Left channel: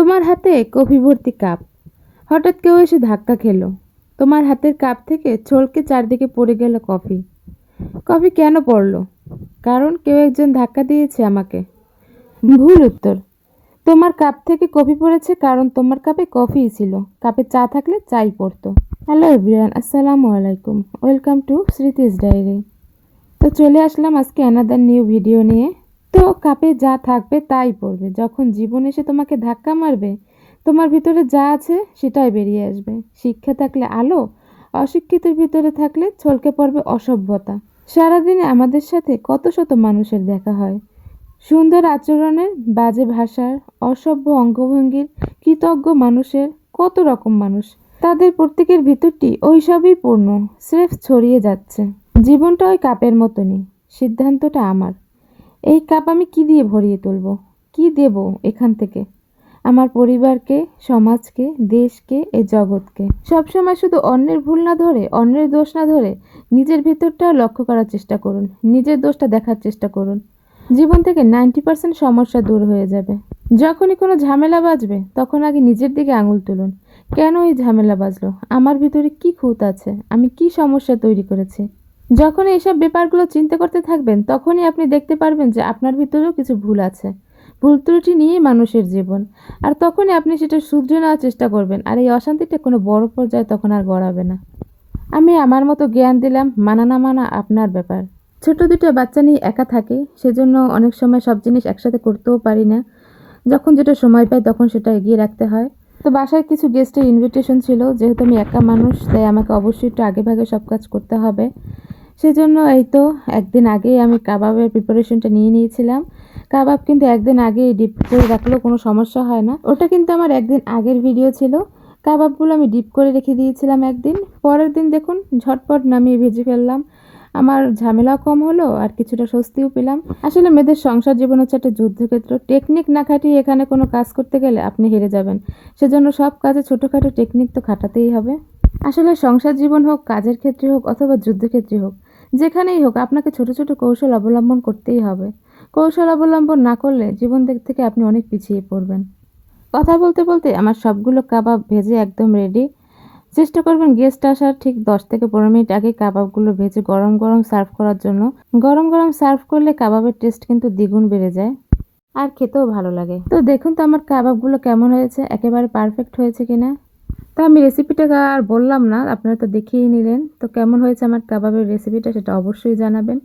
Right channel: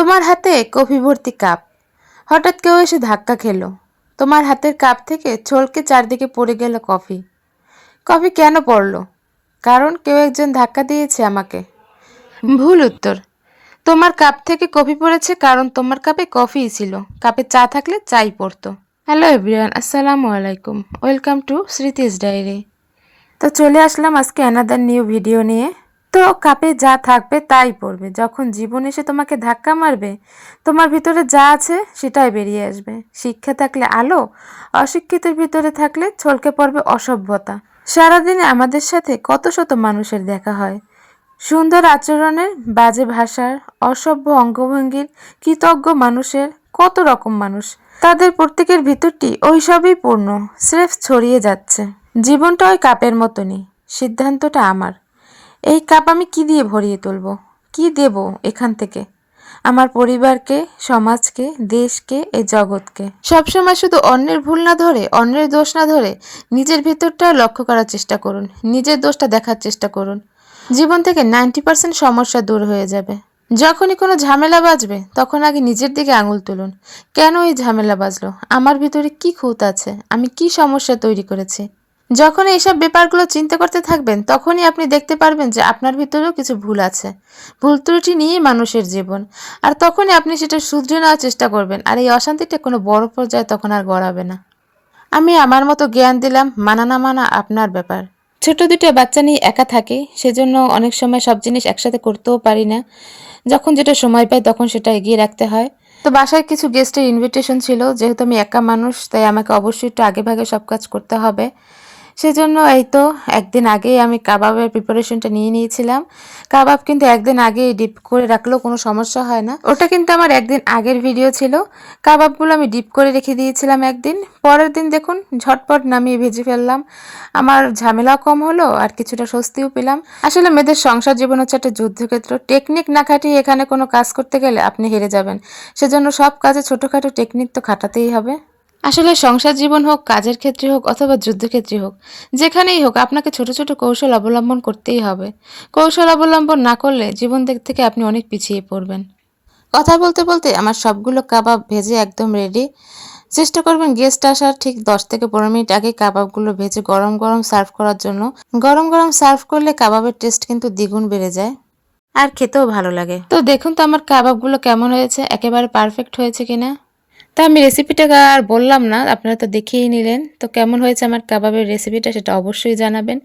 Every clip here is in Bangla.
তোমার হাতে কফি ভর্তি কাপ, হঠাৎ কেউ এসে ধাক্কা খেলো, তোমার হাতের কাপ থেকে ছলকে চারদিকে পড়ে গেল কফি। কফি কেন পড়লো? কারণ কেউ একজন ধাক্কা দিয়েছে আমাকে। ভুল উত্তর। তোমার কাপ থেকে কফি পড়েছে কারণ তোমার কাপে কফিই ছিল, কাপে চা থাকলে চাই পড়তো। হ্যালো এভরিওয়ান, আসসালামু আলাইকুম, ওয়েলকাম টু স্মৃতিস ডায়েরি। তো চলে আসলাম আজকে অ্যানাদার নিউ ভিডিও নিয়ে। তো কাপে যা থাকবে তাই পড়বে। যখন জীবন এসে তোমাকে ধাক্কা মারবে, তোমার ভিতরে যা আছে সেটাই বেরিয়ে আসবে। শিক্ষা থাকলে আলো, অশিক্ষিতের ভিতরে থাকলে ছলকে পড়বে অসভ্যতা। সারাদিনে আমাদের সাথে কত শত মানুষের দেখা হয়, সুন্দর আচরণের, বাজে ভাষার, অসভ্য অঙ্গভঙ্গির, কৃতজ্ঞ মানুষের, কত রকম মানুষ। তাদের প্রত্যেকের ভিতরটি ওই সবই পূর্ণ, স্রেফ ছড়িয়ে যাচ্ছে। জীবনটা ওই কাপের মতনই, সিদ্ধান্তটা আমার। এই কাপ আমি কি দিয়ে ভরিয়ে তুলব, কি দেব এখান থেকে? আমার পরিবারকে, সমাজকে, দেশকে, এই জগৎকে। সবসময় শুধু অন্যের ভুল না ধরে, অন্যের দোষ না ধরে নিজের ভিতরটা লক্ষ্য করার চেষ্টা করুন, নিজের দোষটা দেখার চেষ্টা করুন। জীবন থেকে 90% সমস্যা দূর হয়ে যাবে। যখনই কোনো ঝামেলা বাজবে তখন আগে নিজের দিকে আঙুল তুলুন। কেন এই ঝামেলা বাজলো? আমার ভিতরে কি খুঁত আছে? আমি কি সমস্যা তৈরি করেছি? যখন এইসব ব্যাপারগুলো চিন্তা করতে থাকবেন তখনই আপনি দেখতে পারবেন যে আপনার ভিতরেও কিছু ভুল আছে। ভুল ত্রুটি নিয়েই মানুষের জীবন, আর তখনই আপনি সেটা শুধরে নেওয়ার চেষ্টা করবেন, আর এই অশান্তিটা কোনো বড় পর্যায়ে তখন আর গড়াবে না। আমি আমার মতো জ্ঞান দিলাম, মানা না মানা আপনার ব্যাপার। ছোট দুটো বাচ্চা নিয়ে একা থাকি, সেজন্য অনেক সময় সব জিনিস একসাথে করতেও পারি না। যখন যেটা সময় পাই তখন সেটা এগিয়ে রাখতে হয়। তো বাসায় কিছু গেস্টের ইনভিটেশন ছিল, যেহেতু আমি একা মানুষ তাই আমাকে অবশ্যই একটু আগে ভাগে সব কাজ করতে হবে। সেজন্য এই তো একদিন আগেই আমি কাবাবের প্রিপারেশনটা নিয়ে নিয়েছিলাম। কাবাব কিন্তু একদিন আগে ডিপ করে রাখলেও কোনো সমস্যা হয় না। ওটা কিন্তু আমার একদিন আগের ভিডিও ছিল। কাবাবগুলো আমি ডিপ করে রেখে দিয়েছিলাম একদিন, পরের দিন দেখুন ঝটপট নামিয়ে ভেজে ফেললাম। আমার ঝামেলাও কম হলো আর কিছুটা স্বস্তিও পেলাম। আসলে মেয়েদের সংসার জীবন হচ্ছে একটা যুদ্ধক্ষেত্র। টেকনিক না খাটিয়ে এখানে কোনো কাজ করতে গেলে আপনি হেরে যাবেন। সেজন্য সব কাজে ছোটোখাটো টেকনিক তো খাটাতেই হবে। আসলে সংসার জীবন হোক, কাজের ক্ষেত্রে হোক, অথবা যুদ্ধক্ষেত্রে হোক, যেখানেই হোক আপনাকে ছোট ছোট কৌশল অবলম্বন করতেই হবে। কৌশল অবলম্বন না করলে জীবন দিক থেকে আপনি অনেক পিছিয়ে পড়বেন। কথা বলতে বলতে আমার সবগুলো কাবাব ভেজে একদম রেডি। চেষ্টা করবেন গেস্ট আসার ঠিক 10 থেকে 15 মিনিট আগে কাবাবগুলো ভেজে গরম গরম সার্ভ করার জন্য। গরম গরম সার্ভ করলে কাবাবের টেস্ট কিন্তু দ্বিগুণ বেড়ে যায়, আর খেতেও ভালো লাগে। তো দেখুন তো আমার কাবাবগুলো কেমন হয়েছে, একেবারে পারফেক্ট হয়েছে কিনা। তা আমি রেসিপিটা আর বললাম না, আপনারা তো দেখেই নিলেন। তো কেমন হয়েছে আমার কাবাবের রেসিপিটা সেটা অবশ্যই জানাবেন।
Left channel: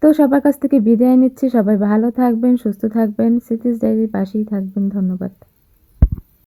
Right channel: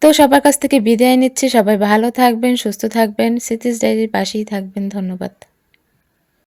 তো সবার কাছ থেকে বিদায় নিচ্ছি। সবাই ভালো থাকবেন, সুস্থ থাকবেন, স্মৃতিস ডায়েরির পাশেই থাকবেন। ধন্যবাদ।